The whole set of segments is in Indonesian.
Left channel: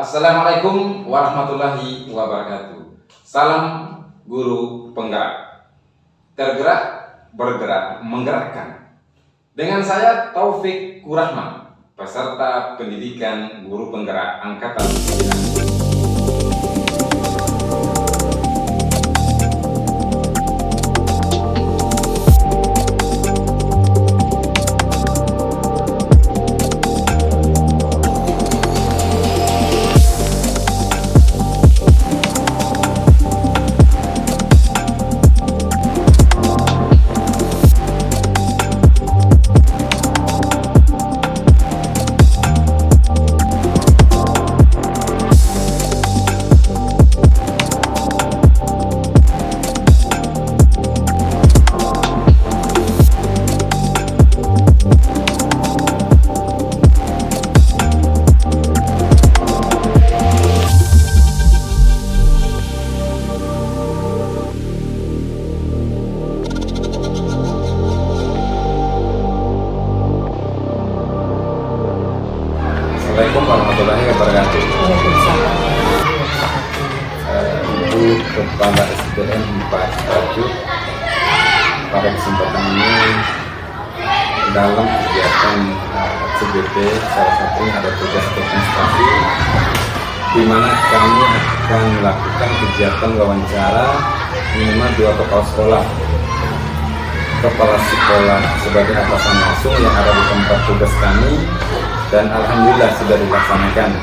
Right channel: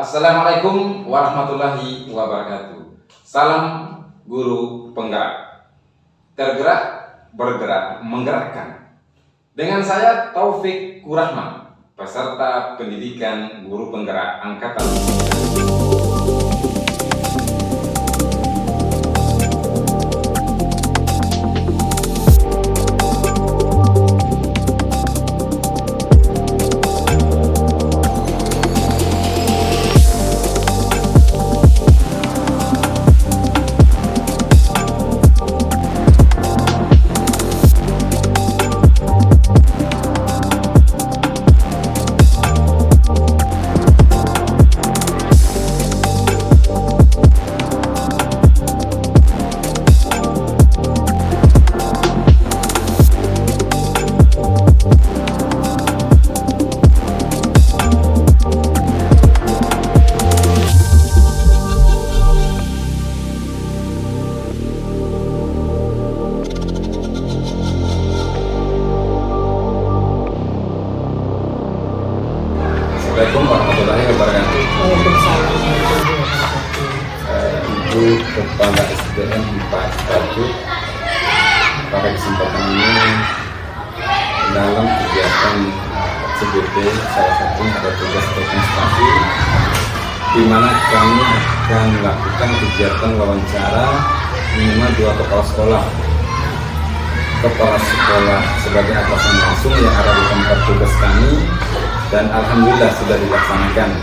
Assalamualaikum warahmatullahi wabarakatuh. Salam guru penggerak. Tergerak, bergerak, menggerakkan. Dengan saya Taufik Kurahman, peserta pendidikan guru penggerak angkatan 9. Assalamualaikum warahmatullahi wabarakatuh. Waalaikumsalam warahmatullahi wabarakatuh. Ibu Kepala SDN 4 Tajuk, pada kesempatan ini dalam kegiatan CBT salah satunya ada tugas rekonstruksi, di mana kami akan melakukan kegiatan wawancara minimal 2 kepala sekolah sebagai atasan langsung yang ada di tempat tugas kami, dan alhamdulillah sudah dilaksanakan.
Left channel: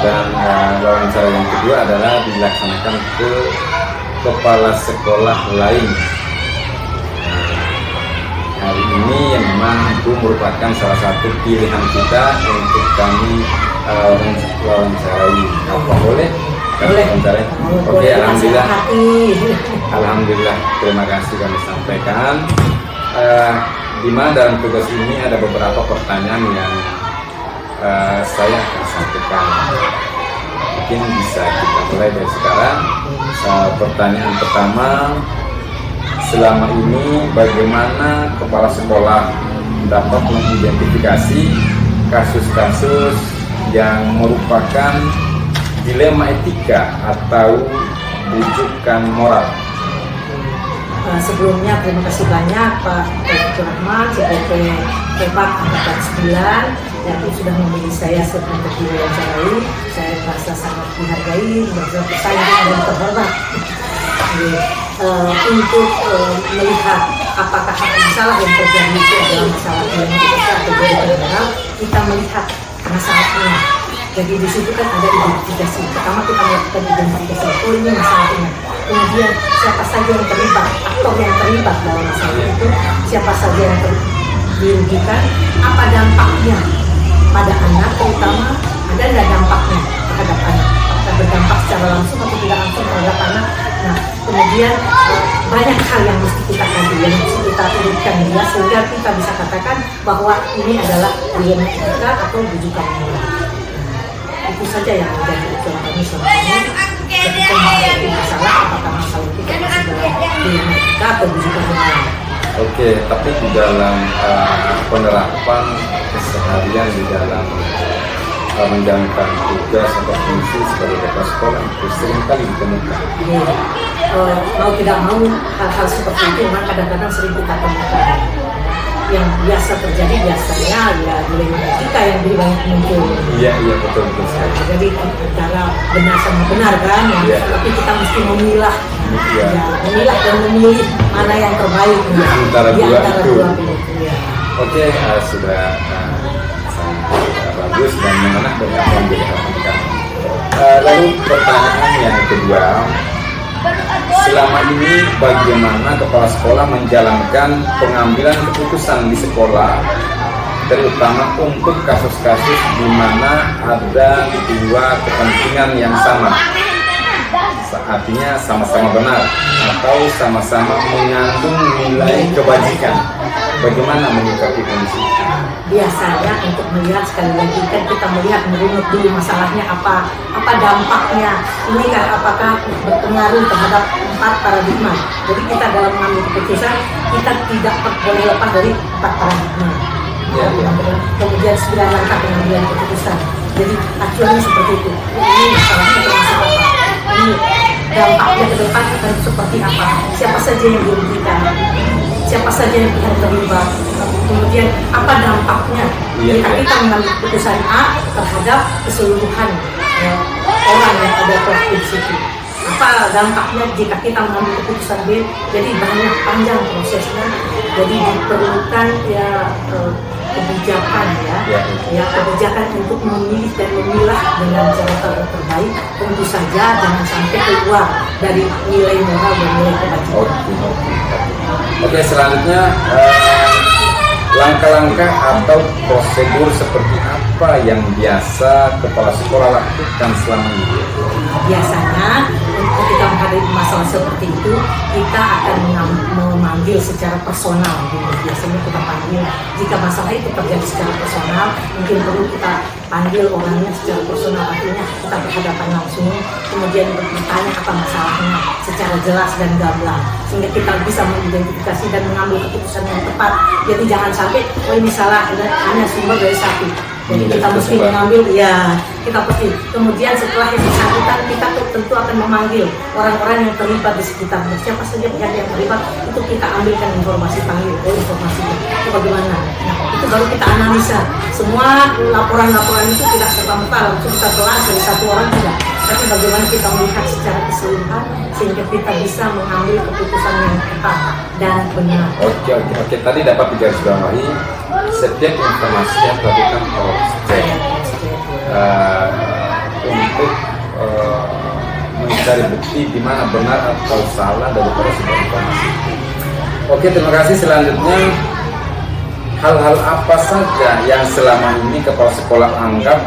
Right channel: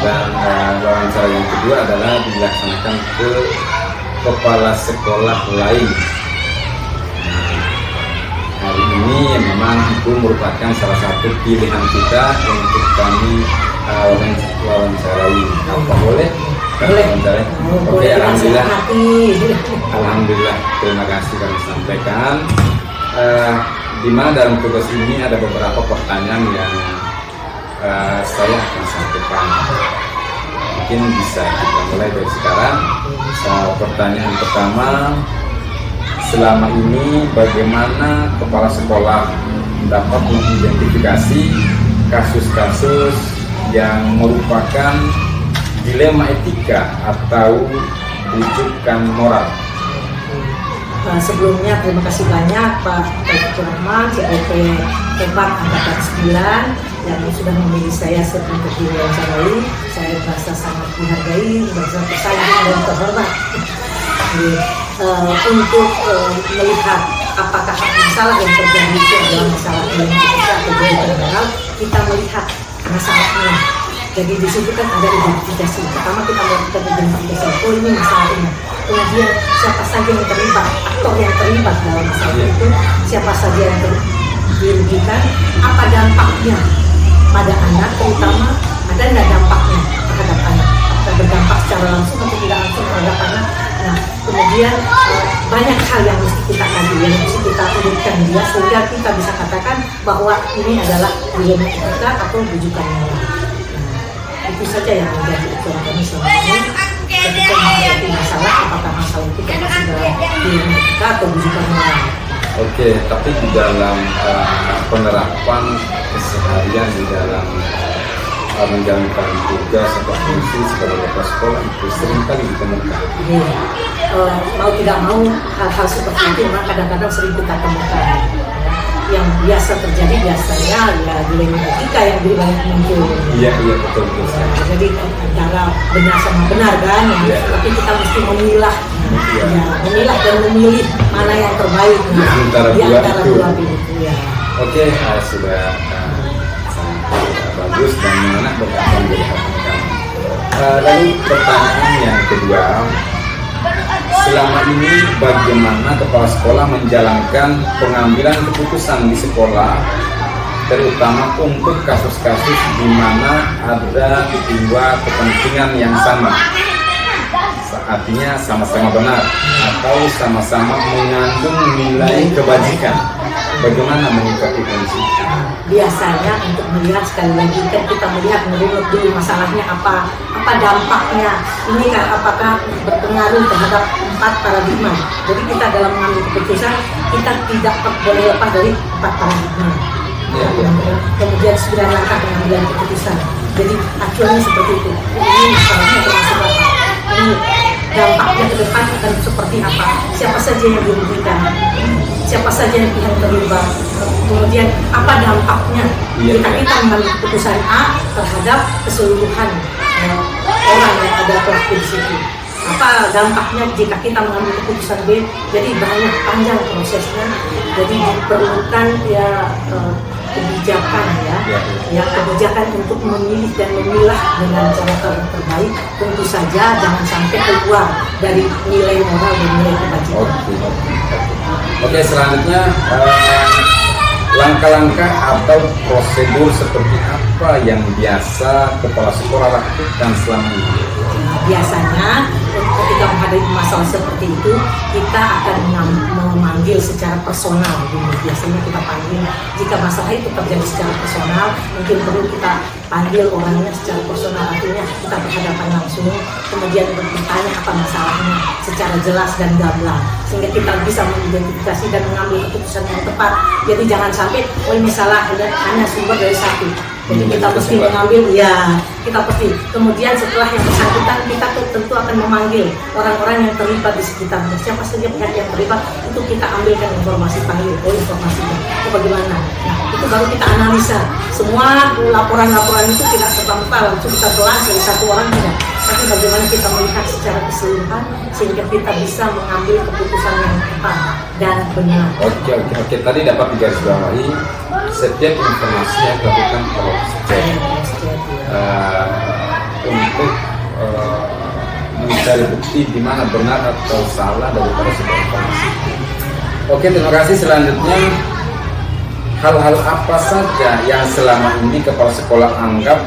Dan wawancara yang kedua adalah dilaksanakan ke kepala sekolah lain. Hari ini yang memang itu merupakan salah satu pilihan kita untuk kami wawancarai. Apa boleh? Boleh. Oke, alhamdulillah. Alhamdulillah, terima kasih kami sampaikan. Di mana dalam tugas ini ada beberapa pertanyaan yang saya akan sampaikan. Mungkin bisa kita mulai dari sekarang. Pertanyaan pertama, selama ini bagaimana kepala sekolah dapat mengidentifikasi kasus-kasus yang merupakan dilema etika atau rujukan moral? Sebelumnya terima kasih banyak Pak Taufik Kurahman, CPT 4 Angkatan 9 yang sudah memilih saya untuk diwawancarai. Saya merasa sangat dihargai, merasa tersanjung dan terhormat. Untuk melihat apakah masalah yang terjadi itu adalah masalah dilema etika atau rujukan moral, kita melihat masalahnya. Jadi di situ kan ada identifikasi. Pertama kita melakukan identifikasi. Oh, ini masalahnya. Kemudian siapa saja yang terlibat, aktor yang terlibat dalam masalah itu, siapa saja yang dirugikan, apa dampaknya pada anak, terutama ada nggak dampaknya terhadap anak, apakah berdampak secara langsung atau tidak langsung terhadap anak. Nah, kemudian banyak hal yang mesti kita kaji, yang mesti kita urutkan dia sehingga kita bisa katakan bahwa ini adalah dilema etika atau rujukan moral. Itu saja yang menjadi ujian kami selama ini ketika menghadapi masalah, apakah masalah itu termasuk dalam dilema etika atau rujukan moral. Oke, tapi di dalam penerapan keseharian di dalam menjalankan tugas atau fungsi sebagai kepala sekolah itu sering kali ditemukan. Mau tidak mau hal-hal seperti itu memang kadang-kadang sering kita temukan. Yang biasa terjadi biasanya ya dilema etika yang lebih banyak muncul. Iya betul. Jadi antara benar sama benar kan, tapi kita mesti memilah, memilah dan memilih mana yang terbaik di antara dua itu. Ya. Oke, sudah sangat bagus dan menarik dari apa yang dikatakan kami. Lalu pertanyaan yang kedua, selama ini bagaimana kepala sekolah menjalankan pengambilan keputusan di sekolah, terutama untuk kasus-kasus di mana ada 2 kepentingan yang sama, artinya sama-sama benar atau sama-sama mengandung nilai kebajikan? Bagaimana menyikapi kondisi itu? Biasanya untuk melihat, sekali lagi kan kita melihat merunut dulu masalahnya apa dampaknya ini kan, apakah berpengaruh terhadap 4 paradigma. Jadi kita dalam mengambil keputusan kita tidak boleh lepas dari 4 paradigma. Kemudian 9 langkah pengambilan keputusan. Jadi acuannya seperti itu. Ini masalahnya termasuk apa? Ini dampaknya ke depan akan seperti apa? Siapa saja yang dirugikan? Siapa saja yang pihak terlibat? Kemudian apa dampaknya jika kita mengambil keputusan A terhadap keseluruhan orang yang ada pelaku di situ? Apa dampaknya jika kita mengambil keputusan B? Jadi banyak panjang prosesnya. Jadi diperlukan kebijakan kebijakan untuk memilih dan memilah dengan cara terbaik. Tentu saja jangan sampai keluar dari nilai moral dan nilai kebajikan. Oke, selanjutnya langkah-langkah atau prosedur seperti apa yang biasa kepala sekolah lakukan selama ini? Biasanya ketika menghadapi masalah seperti itu kita akan memanggil secara personal dulu. Biasanya kita panggil jika masalah itu terjadi secara personal, mungkin perlu kita panggil orangnya secara personal, artinya kita berhadapan langsung, kemudian bertanya apa masalahnya secara jelas dan gamblang sehingga kita bisa mengidentifikasi dan mengambil keputusan yang tepat. Jadi jangan sampai ini salah hanya sumber dari satu. Jadi kita mesti mengambil, kita pasti. Kemudian setelah yang bersangkutan, kita tentu akan memanggil orang-orang yang terlibat di sekitar. Siapa saja pihak yang terlibat, itu kita ambilkan informasi, panggil, informasinya. Itu bagaimana? Nah, itu baru kita analisa. Semua laporan-laporan itu tidak serta-merta langsung kita telan dari satu orang, tidak. Tapi bagaimana kita melihat secara keseluruhan, sehingga kita bisa mengambil keputusan yang tepat dan benar. Oke. Tadi dapat digarisbawahi setiap informasi yang dilakukan cross check untuk mencari bukti di mana benar atau salah daripada sebuah informasi itu. Oke, terima kasih. Selanjutnya, hal-hal apa saja yang selama ini kepala sekolah anggap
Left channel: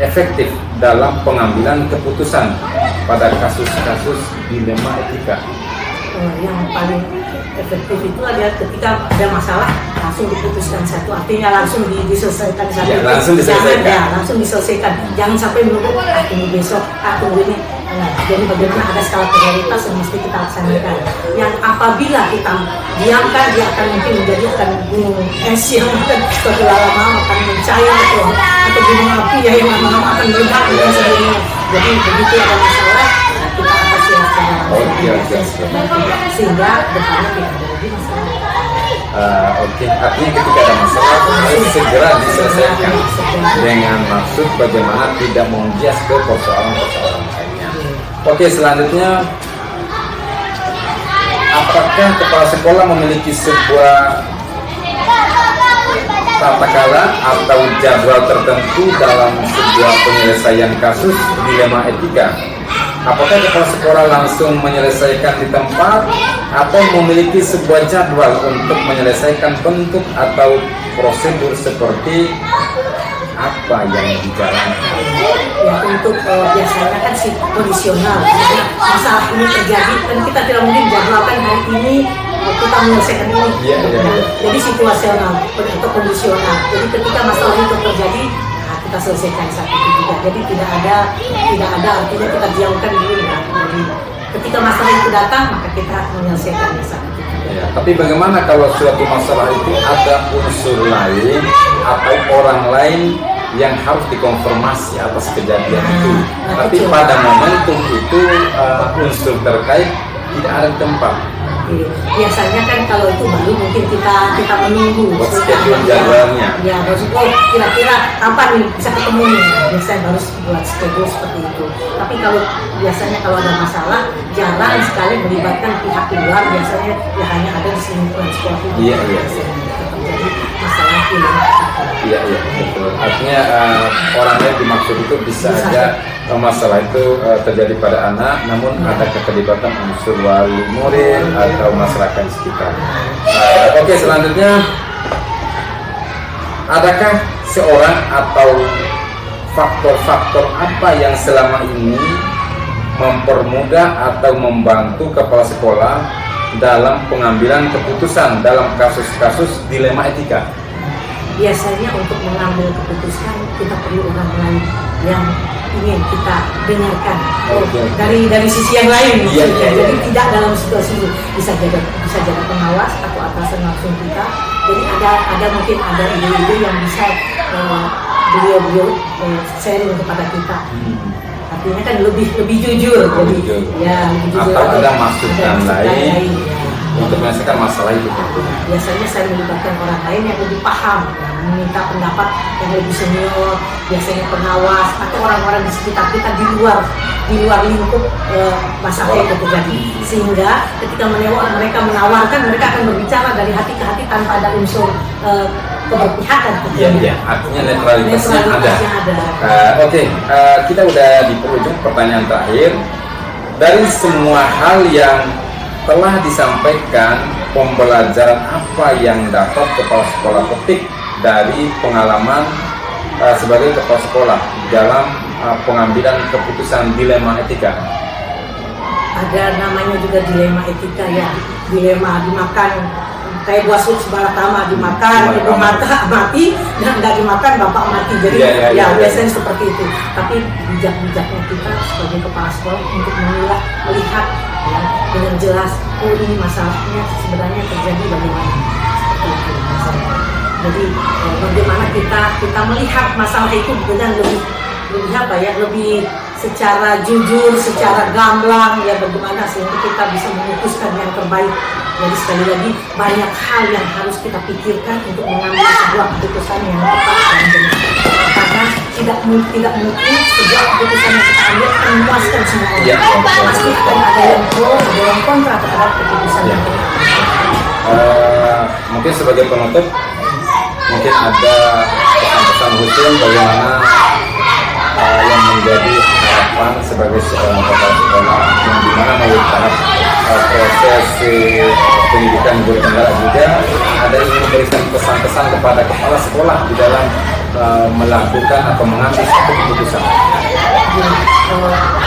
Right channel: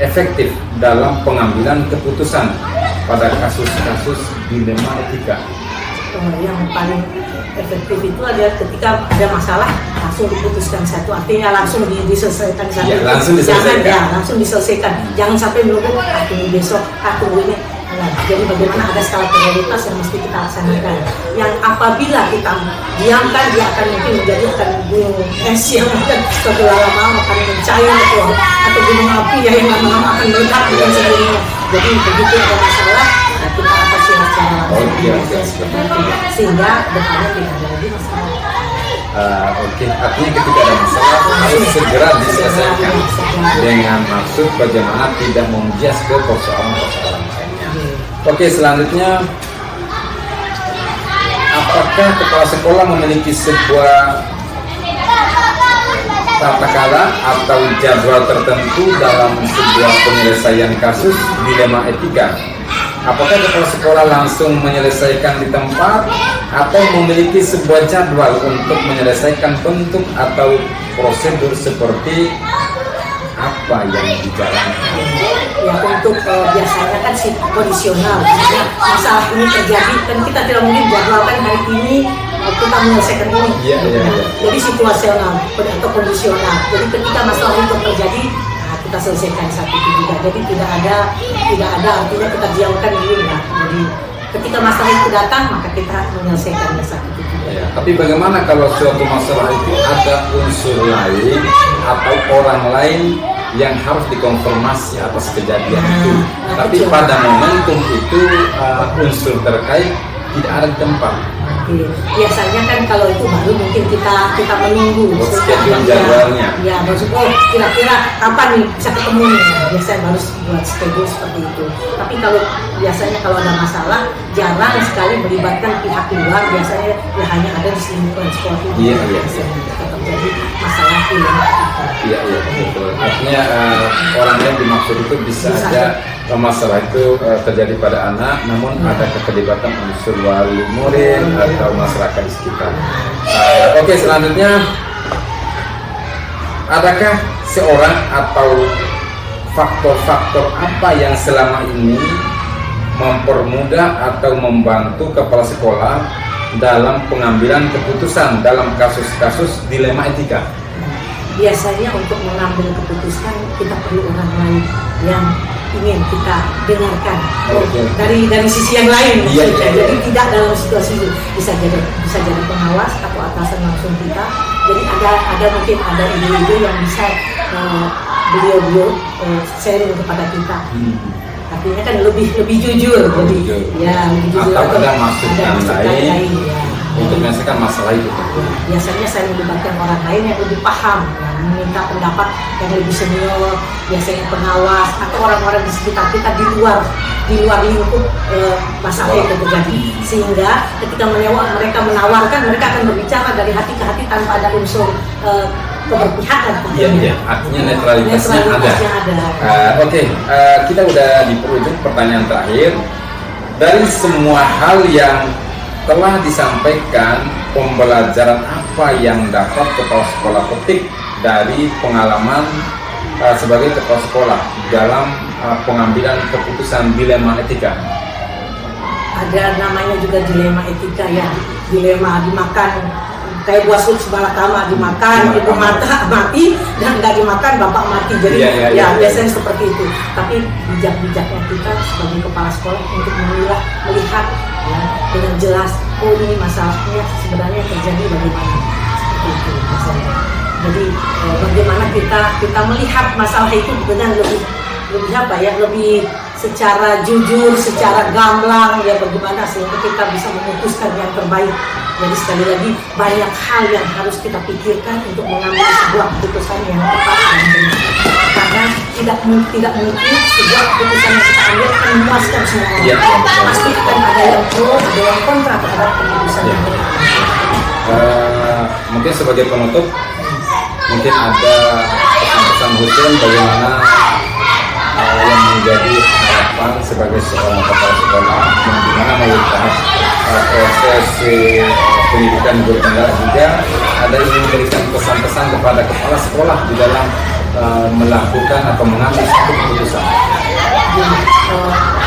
efektif dalam pengambilan keputusan pada kasus-kasus dilema etika? Yang paling efektif itu adalah ketika ada masalah langsung diputuskan satu, artinya langsung diselesaikan satu. Langsung diselesaikan. Jangan sampai menunggu tunggu besok, tunggu ini. Jadi bagaimana ada skala prioritas yang mesti kita laksanakan. Yang apabila kita diamkan, dia akan mungkin akan gunung es yang akan suatu lama-lama akan mencair atau gunung api yang lama-lama akan meledak dan sebagainya. Jadi begitu ada masalah, kita atasi secara langsung sehingga depannya tidak ada lagi masalah. Artinya ketika ada masalah harus segera diselesaikan dengan maksud bagaimana tidak membias ke persoalan-persoalan lainnya. Oke, selanjutnya, apakah kepala sekolah memiliki sebuah tata cara atau jadwal tertentu dalam sebuah penyelesaian kasus dilema etika? Apakah kepala sekolah langsung menyelesaikan di tempat atau memiliki sebuah jadwal untuk menyelesaikan bentuk atau prosedur seperti apa yang dijalankan? Ya, untuk biasanya kan kondisional. Misalnya masalah ini terjadi dan kita tidak mungkin jadwalkan hari ini kita menyelesaikan ini. Jadi situasional atau kondisional. Jadi ketika masalah itu terjadi, kita selesaikan saat itu juga. Jadi tidak ada artinya kita diamkan dulu ya. Jadi ketika masalah itu datang, maka kita menyelesaikannya saat itu juga. Tapi bagaimana kalau suatu masalah itu ada unsur lain atau orang lain yang harus dikonfirmasi atas kejadian itu? Tapi pada momentum itu unsur terkait tidak ada di tempat. Biasanya kan kalau itu baru mungkin kita menunggu jadwalnya. Ya, maksudnya kira-kira kapan nih bisa ketemu nih. Biasanya baru buat schedule seperti itu. Tapi biasanya kalau ada masalah jarang sekali melibatkan pihak luar. Biasanya ya hanya ada di lingkungan sekolah itu. Tetap jadi masalah dilema etika. Iya, betul. Artinya orang yang dimaksud itu bisa aja masalah itu terjadi pada anak, namun ada keterlibatan unsur wali murid atau masyarakat sekitar. Oke, selanjutnya, adakah seorang atau faktor-faktor apa yang selama ini mempermudah atau membantu kepala sekolah dalam pengambilan keputusan dalam kasus-kasus dilema etika? Biasanya untuk mengambil keputusan kita perlu orang lain yang ingin kita dengarkan dari sisi yang lain maksudnya. Jadi tidak dalam situasi itu bisa jadi pengawas atau atasan langsung kita. Jadi ada mungkin ada ide-ide yang bisa beliau sharing kepada kita. Artinya kan lebih jujur, jadi ya lebih jujur. Atau ada maksud yang lain ya. untuk menyelesaikan masalah itu. Biasanya saya melibatkan orang lain yang lebih paham, yang meminta pendapat yang lebih senior, biasanya pengawas atau orang-orang di sekitar kita di luar lingkup masalah yang terjadi, sehingga ketika mereka menawarkan, mereka akan berbicara dari hati ke hati tanpa ada unsur keberpihakan. Iya, artinya netralitasnya ada. Oke, kita udah di penghujung pertanyaan terakhir. Dari semua hal yang telah disampaikan, pembelajaran apa yang dapat kepala sekolah petik dari pengalaman sebagai kepala sekolah dalam pengambilan keputusan dilema etika? Ada namanya juga dilema etika ya, dilema dimakan. Kayak buah sup sebelah kama, dimakan, ibu mati, dan nggak dimakan bapak mati. Jadi biasanya seperti itu. Tapi bijak-bijaknya kita sebagai kepala sekolah untuk melihat ya, dengan jelas, oh ini masalahnya sebenarnya terjadi bagaimana, seperti itu misalnya. Jadi bagaimana kita melihat masalah itu dengan lebih secara jujur, secara gamblang ya, bagaimana sehingga kita bisa memutuskan yang terbaik. Jadi sekali lagi banyak hal yang harus kita pikirkan untuk mengambil sebuah keputusan yang tepat dan benar. Karena tidak mungkin sebuah keputusan yang kita ambil akan memuaskan semua orang. Ya, pasti akan ada yang pro, ada yang kontra terhadap keputusan yang kita ambil. Mungkin sebagai penutup, mungkin ada pesan-pesan khusus bagaimana yang menjadi harapan sebagai seorang kepala sekolah yang dimana melalui tahap proses pendidikan guru penggerak juga ada ingin memberikan pesan-pesan kepada kepala sekolah di dalam melakukan atau mengambil satu keputusan.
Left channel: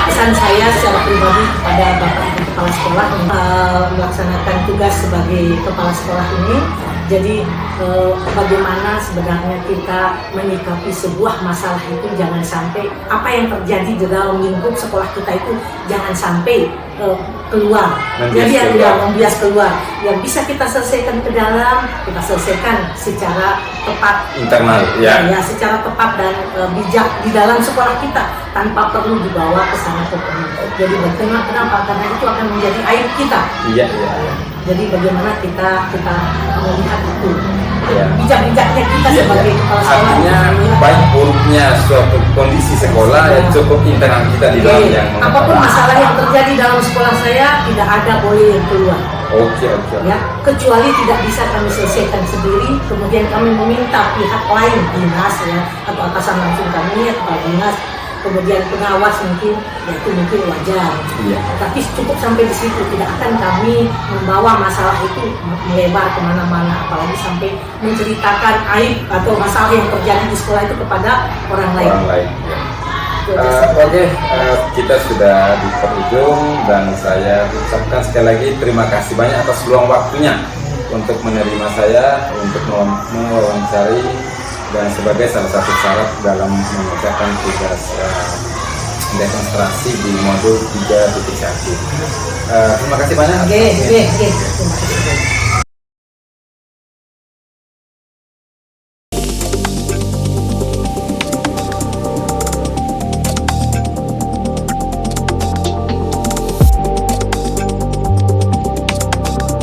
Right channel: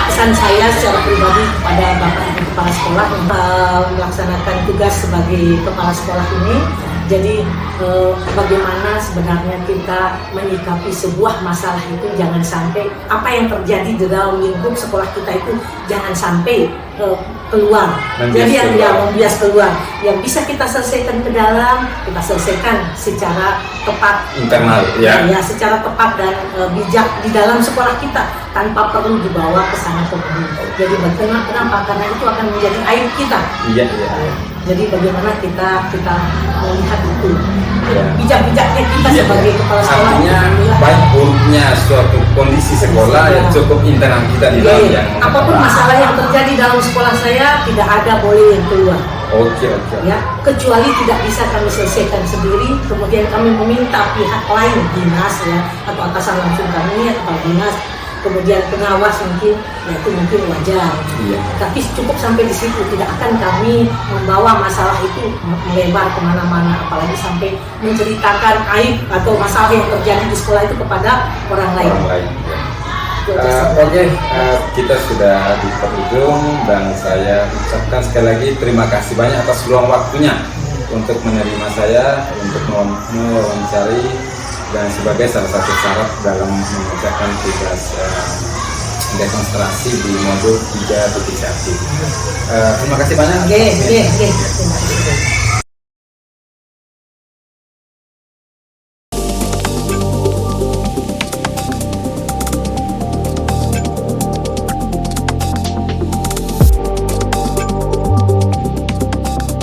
Pesan saya secara pribadi kepada Bapak Ibu Kepala Sekolah yang melaksanakan tugas sebagai kepala sekolah ini, jadi bagaimana sebenarnya kita menyikapi sebuah masalah itu, jangan sampai apa yang terjadi di dalam lingkup sekolah kita itu jangan sampai keluar. Jadi yang membias keluar, yang bisa kita selesaikan ke dalam, kita selesaikan secara tepat, internal ya, secara tepat dan bijak di dalam sekolah kita tanpa perlu dibawa ke sana kemari. Jadi kenapa? Karena itu akan menjadi aib kita. Iya. Jadi bagaimana kita melihat itu, ya. Bijak-bijaknya kita sebagai kepala sekolah. Baik buruknya suatu kondisi sekolah cukup internal kita di dalam yang apapun masalah yang terjadi dalam sekolah saya tidak ada boleh yang keluar. Oke. Ya, kecuali tidak bisa kami selesaikan sendiri, kemudian kami meminta pihak lain, dinas ya, atau atasan langsung kami, kepala dinas, kemudian pengawas mungkin, ya itu mungkin wajar. Iya. Tapi cukup sampai di situ, tidak akan kami membawa masalah itu melebar kemana-mana, apalagi sampai menceritakan aib atau masalah yang terjadi di sekolah itu kepada orang lain. Ya. Oke, kita sudah di penghujung dan saya ucapkan sekali lagi terima kasih banyak atas luang waktunya untuk menerima saya, untuk mewawancari dan sebagai salah satu syarat dalam mengerjakan tugas demonstrasi di modul 3.1. Terima kasih banyak. Terima kasih.